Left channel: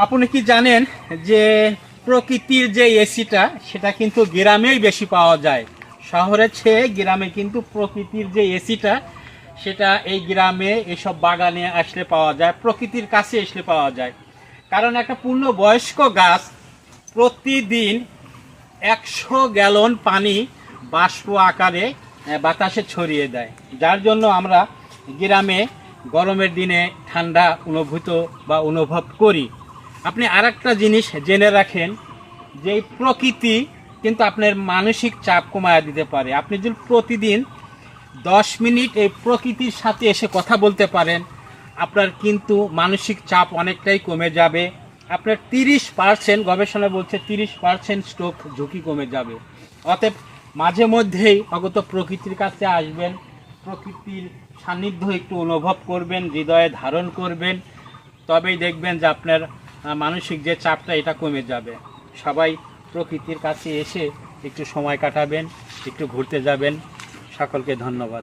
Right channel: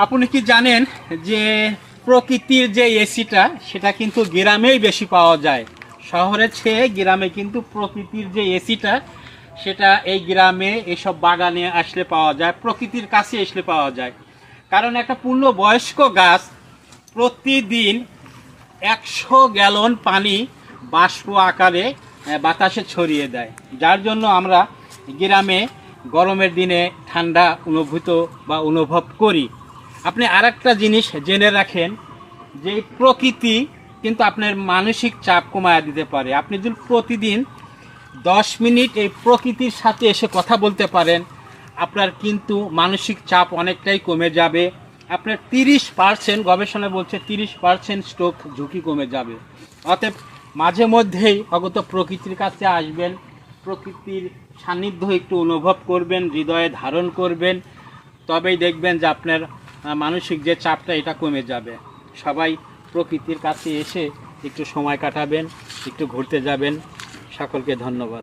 আপনি কি জানেন যে প্রকৃতির যে এসিটা সেটা কিন্তু গ্রামেই বেশি পাওয়া যায়, শহরের চেয়ে গ্রামে কিন্তু প্রকৃতির যে এসিটা সেটা এই গ্রামে এসব বাগানে আসলে পাওয়া যায়, প্রকৃতির কাছে আসলে পাওয়া যায়। কারণ একটা পূর্ণবয়স্ক গাছ প্রতিদিন 100 গ্যালন পানি বাষ্প আকারে বাতাসে ছড়িয়ে দেয়, যার জন্য আমরা গ্রামে গরমের দিনে ঠান্ডা অনুভব করি। আপনি আরেকটা জিনিস জেনে রাখেন যে এই প্রকৃতি কিন্তু আপনার মানসিক চাপ কমায় দিতে পারে। আপনি যদি প্রতিদিন 10 মিনিট এই প্রকৃতির সাথে এসে কথা বলতে পারেন, আপনার কিন্তু মানসিক চাপ অনেকটাই কমে যাবে। আপনার 30%, গবেষণা বলছে 30% স্ট্রোক ঝুঁকি কমে যাবে। অতএব মাঝে মধ্যেই অগত প্রকৃতির কাছে আসবেন, প্রকৃতির সান্নিধ্য একটু অনুভব করবেন, হৃদয়ে ধারণ করবেন, তবেই দেখবেন যে আপনার মানসিক যে চাপটা এটা কমে যাবে। সবাই প্রকৃতির কাছে এসে একটু সময় কাটাবেন, একটু ঘুরতে যাবেন। সকলকে ধন্যবাদ।